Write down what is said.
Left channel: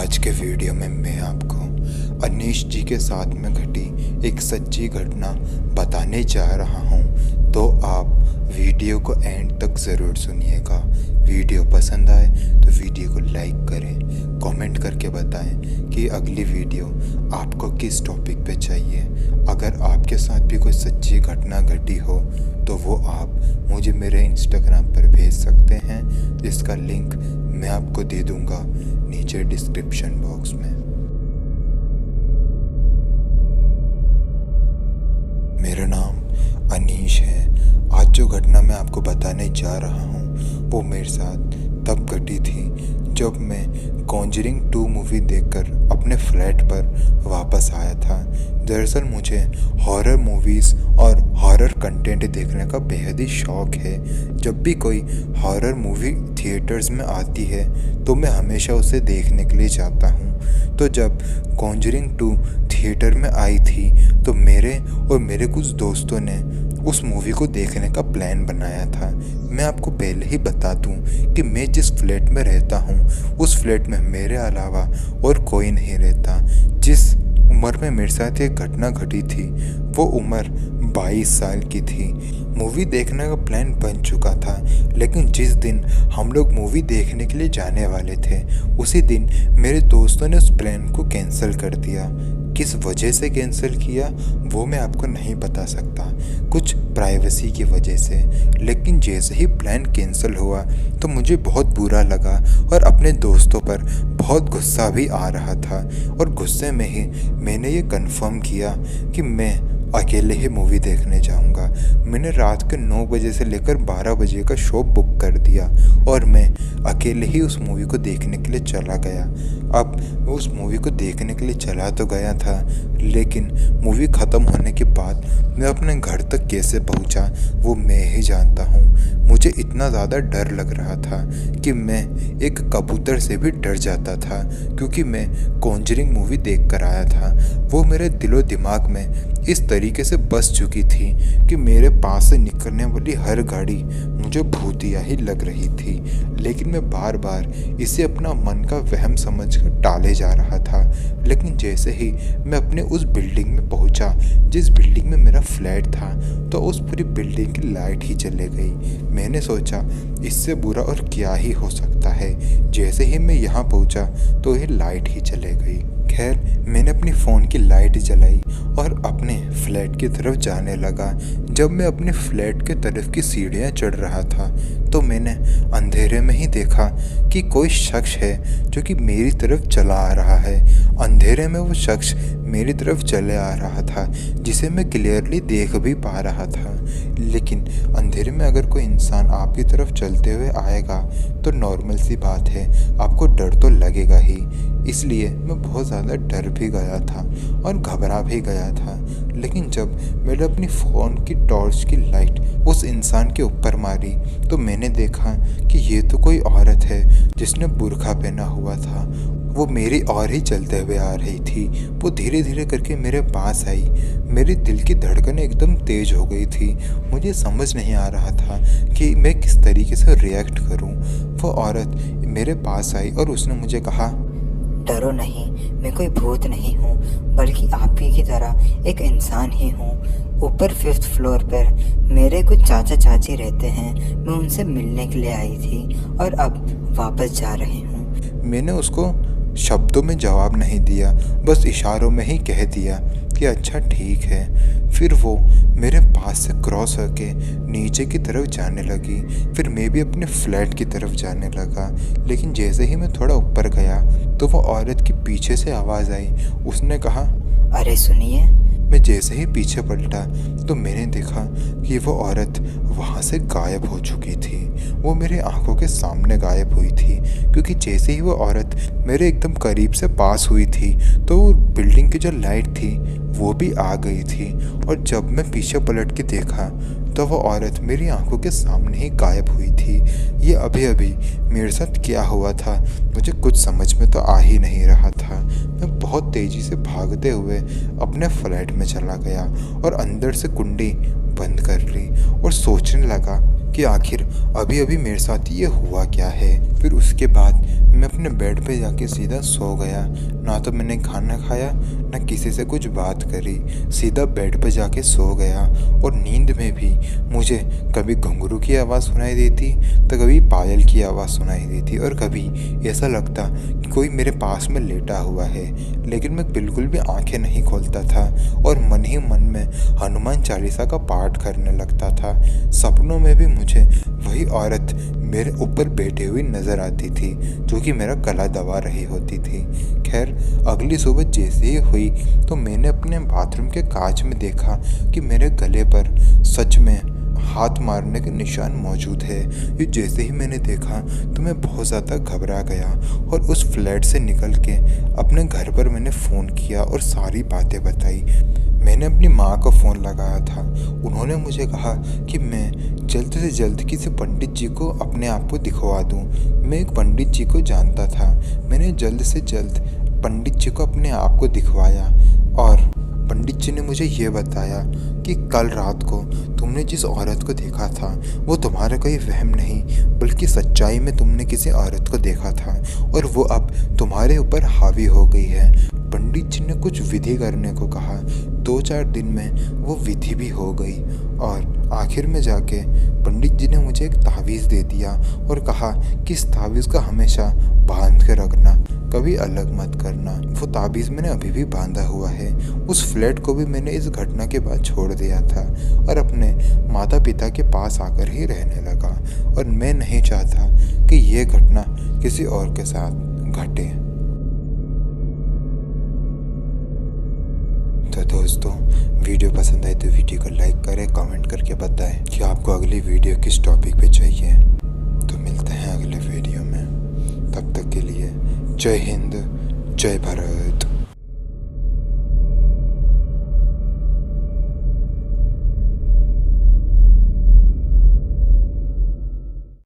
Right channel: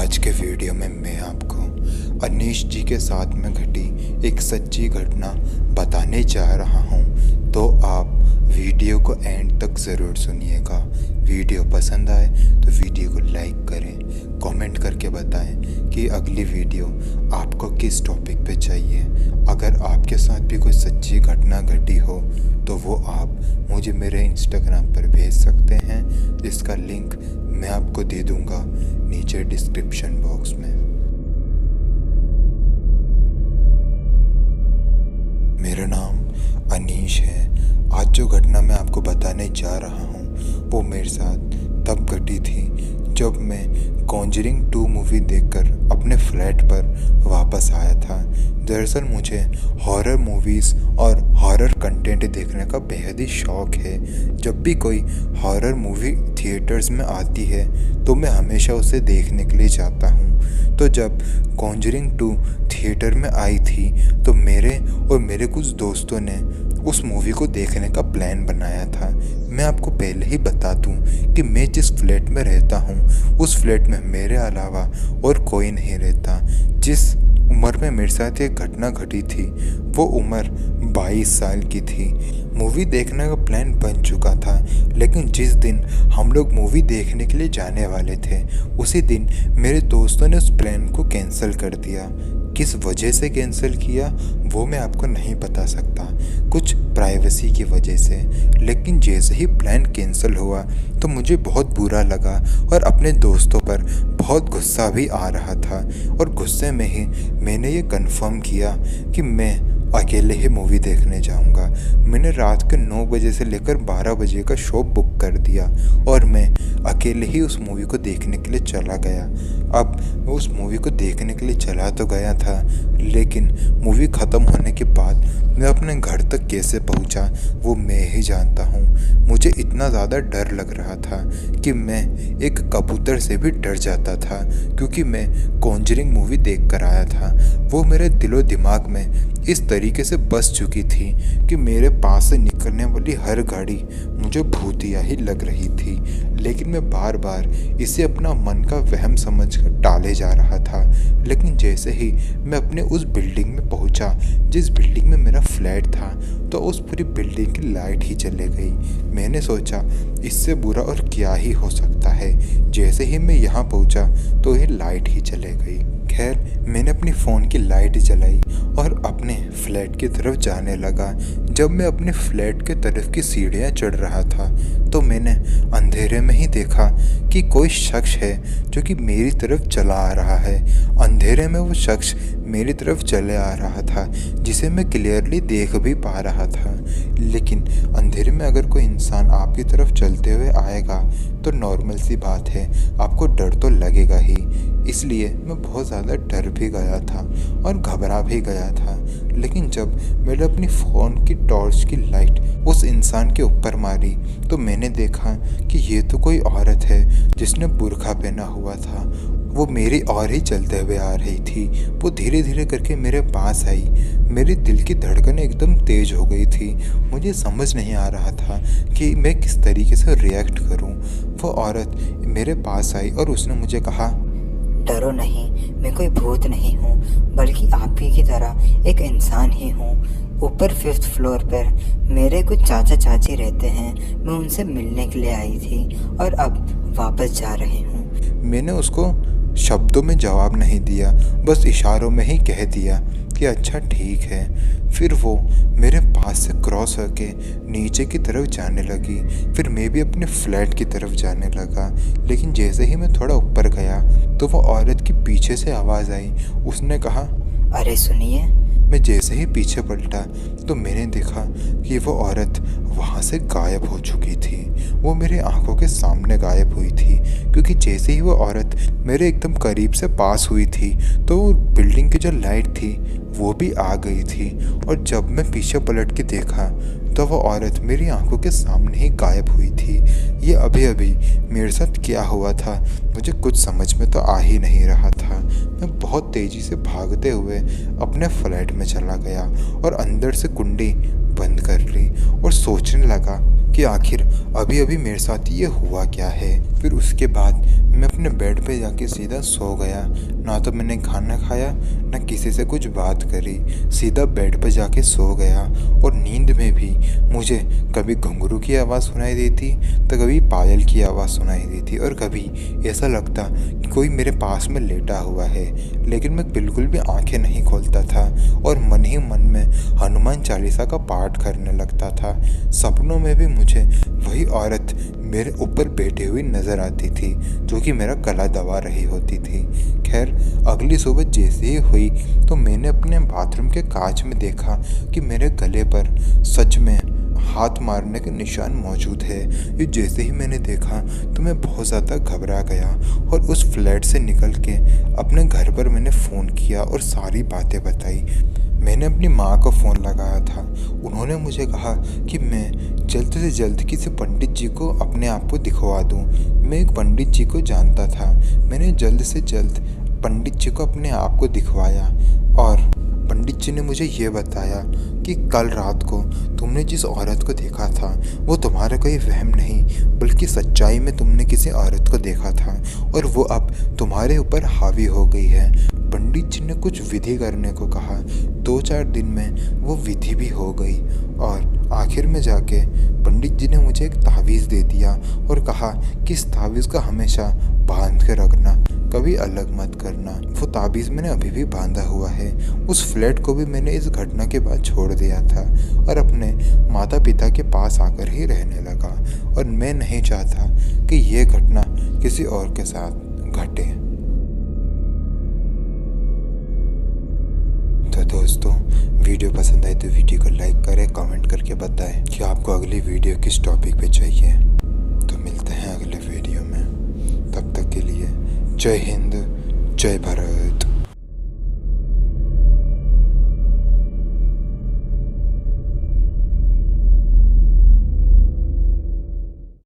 आज के वीडियो में मैं आपको अनीश जी के साथ में घटी एक सच्ची घटना बताने जा रहा हूं, तो आप वीडियो को एंड तक ज़रूर सुनिएगा। वीडियो पसंद आए तो वीडियो को लाइक करें, कमेंट करके बताएं कि अगली वीडियो आपको किस टॉपिक पे चाहिए। अगर आपके साथ भी कोई सच्ची घटना घटी हो तो वो आप मुझे मेरे इंस्टाग्राम पर भेज सकते हैं, जिसका लिंक मैं आपको दे दूंगा नीचे डिस्क्रिप्शन बॉक्स में। मेरा नाम अनीश है। आज जो घटना मैं आपको बताने जा रहा हूँ वो मेरे साथ तब घटी थी जब मैं कॉन्जरिंग 2 मूवी देखकर अपने फ्लैट पर वापस आया था। दरअसल मुझे हॉरर मूवीज़ और हॉरर कंटेंट देखने का बेहद ही शौक़ है। जब भी कोई हॉरर मूवी थिएटर्स में आती है तो मैं हमेशा उसे देखने के लिए जाता हूँ। तो जब कॉन्जरिंग 2 थिएटर में आई थी तो मेरे और मेरे कुछ दोस्तों ने उस मूवी को देखने का प्लान बनाया था। मैं आपको पहले ही बता दूं कि मैं जिस फ्लैट में रहता हूं उस फ्लैट में मेरे अलावा और कोई नहीं रहता। जिस उम्र में मेरे साथ ये घटना घटी थी वो उम्र 22 साल की थी। मूवी देखने का प्लान बन चुका था, लेकिन जिस दिन हम लोग मूवी देखने के लिए जाने वाले थे उसी दिन मेरे दोस्तों ने उस प्लान को कैंसिल कर दिया। किस वजह से कैंसिल किया वो मैं आपको नहीं बता सकता, कुछ प्राइवेसी की वजह से। लेकिन जैसे ही प्लान कैंसिल हुआ तो मुझे बहुत बुरा लगा और अपने दोस्तों पर बहुत गुस्सा भी आ रहा था। और गुस्से में ही मैंने ये कंफर्म किया कि मैं अकेले ही मूवी देखने जाऊंगा। मैंने रात के 9 बजे से लेकर 12 बजे का शो बुक कर दिया और मैं अकेले ही उस मूवी को देखने के लिए चला गया। अब उस मूवी को देखने के लिए चला तो गया था, लेकिन मूवी ख़त्म होने के बाद मैं अपने घर तक कैसे पहुंचा वो मैं ही जानता हूं। मुझे इतना ज़्यादा डर लग रहा था कि मैं एक कबूतर से भी डर जाता था, क्योंकि मैं कॉन्जरिंग मूवी देख कर आया था। वो मेरे दिलो दिमाग में इस तरीके से बस चुकी थी कि मेरे पास से निकलने वाली हर गाड़ी मुझे भूतिया ही लग रही थी। लेकिन मैं बार बार इसे अपना मन का वहम समझकर टाले जा रहा था। लेकिन जैसे ही मैं अपने उस बिल्डिंग में पहुंचा जिस बिल्डिंग में मेरा फ्लैट था, तो उस पूरी बिल्डिंग की लाइट ही चले गई। मैंने सोचा इससे बुरा और क्या ही हो सकता है। जैसे ही मैं यहाँ पहुँचा तो ये लाइट ही चले गई। खैर, मैंने अपनी फ़ोन की लाइट जलाई और अपने फ्लैट की तरफ जाने लगा। जब मैं अपने फ्लैट के तरफ की सीढ़ियाँ चढ़ रहा था तो मैंने अंधेरे में ही देखा कि कोई शख्स है जो कि मेरी तरफ चला आ रहा है। अंधेरे में वो शख्स मेरी तरफ चले आ रहा था, जिसे मैं क्लियरली देख भी पा रहा था। लेकिन अंधेरे में अगर कोई इंसान आपकी तरफ चलते हुए आएगा तो नॉर्मल सी बात है, आपको डर तो लगेगा ही। इसलिए मैं बहुत ज़्यादा डर भी गया था और घबरा भी गया था। लेकिन जब मैंने अपनी फ़ोन की टॉर्च की लाइट उस इंसान के ऊपर मारी तो मैंने देखा कि ये तो कोई औरत है जिसने बुर्का पहना हुआ था। वो मेरी और ही चलते हुए आ रही थी। वो धीरे धीरे करके मेरे पास आई। मेरे दिल की धड़कनें एकदम तेज़ हो गई थी। मुझे समझ नहीं आ रहा था कि मैं किस तरीके से रिएक्ट करूं। वो औरत मेरे पास आई और उसने मुझे कहा, डरो नहीं, मैं कोई भूत नहीं हूँ, बल्कि आप ही की तरह एक इंसान ही हूँ। ऊपर 5th फ्लोर पर मेरे कुछ चाचा चाची रहते हैं, मैं उनसे मिलने के लिए आई थी और अब वापस जा रही हूँ। मैंने उसको शब्दों में जवाब नहीं दिया, बस इशारों में ही कह दिया कि अच्छा ठीक है। फिर वो मेरे पास से क्रॉस होके नीचे की तरफ जाने लगी। फिर मैं भी अपने फ्लैट की तरफ जाने लगा। लेकिन जैसे ही मैं थोड़ा ऊपर गया तो वो औरत की पीछे से आवाज़ आई। उसने कहा, अरे सुनिए। मैं जैसे ही पीछे पलटा तो मैंने देखा कि वो औरत वहाँ से गायब हो चुकी थी। वो मेरे आंखों के सामने गायब हुई थी, क्योंकि जैसे ही वो औरत मेरे एकदम करीब से पास हुई थी तो बिल्डिंग की जो लाइट थी वो भी आ गई थी। और जब मैं पीछे पलट के देखा तो वो औरत मेरी आंखों के सामने ही गायब हुई थी। ये अभी अभी मेरे साथ क्या हुआ था मुझे कुछ समझ में तो आ ही नहीं रहा था। मैं बहुत तेज़ी से भागते हुए अपने फ्लैट में चला गया और अंदर से कुंडी बंद कर ली और सोचने लगा कि आखिर अभी अभी मेरे साथ ये हुआ क्या है। फिर उसके बाद मैं अपने बेड पे जाके सीधा सो गया। ना तो मैंने खाना खाया, ना किसी से कुछ बात करी, सीधा बेड पे जाके सो गया। और नींद में भी मुझे कभी घुंघरू की आवाज़ सुनाई देती, तो कभी पायल की आवाज़ सुनाई देती, और कभी ऐसा लगता कि कोई मेरे पास में लेटा हुआ है। लेकिन मैं बिल्कुल भी आंखें नहीं खोलता था और मन ही मन में हनुमान चालीसा का पाठ करने लगता था। सपनों में भी मुझे वही औरत मेरे ऊपर बैठी हुई नज़र आती थी, जो कि मेरा गला दबा रही होती थी। खैर, अगली सुबह जैसे ही हुई तो मैंने अपने बाथरूम के कांच में देखा कि मेरे गले पर सच में हाथ मारने के निशान मौजूद है। ये जैसे ही मैंने देखा तो मैं बहुत ज़्यादा घबरा गया और उस फ्लैट से निकल के अपने घर पर मैंने फ़ोन किया और सारी बातें बताई। मैंने अपनी माँ को फ़ोन लगाया था। उन्होंने मुझे कहा कि मैं जल्द से जल्द किसी पंडित जी को अपने आप को दिखवा दूँ। मैं एक पंडित जी को जानता था। मैंने जल्द से जल्द पंडित जी को अपने आप को दिखवाया और पंडित जी ने मुझे ये बताया कि कल रात को तुमने जिस औरत को देखा था वो तुम्हारा कोई वहम नहीं, बल्कि सच्चाई में तुमने किसी औरत को देखा था और वो अब तुम्हारे ऊपर हावी हो गई है। पंडित जी ने कुछ विधि करने को कहा। 2-4 दिन में वो विधि भी हो गई और आखिर में जाके पंडित जी ने मुझे एक तावीज़ दे दिया और कहा कि इस तावीज़ को हमेशा बांध के रखना, कभी अलग मत करना। वो ताबीज़ मैंने अभी भी बांधा हुआ है। उस फ्लैट को भी मैंने इस घटना के बाद छोड़ दिया था और अपने माता पिता के पास आकर ही रहने लगा, और मैं नहीं चाहता कि ये घटना किसी और के साथ घटे। तो दोस्तों, वीडियो पसंद आए तो वीडियो को लाइक करें, कमेंट करके बताएं कि आपको अगली वीडियो किस टॉपिक पे चाहिए। तो मिलते हैं अगले वीडियो में, तब तक के लिए जय हिंद, जय भारत।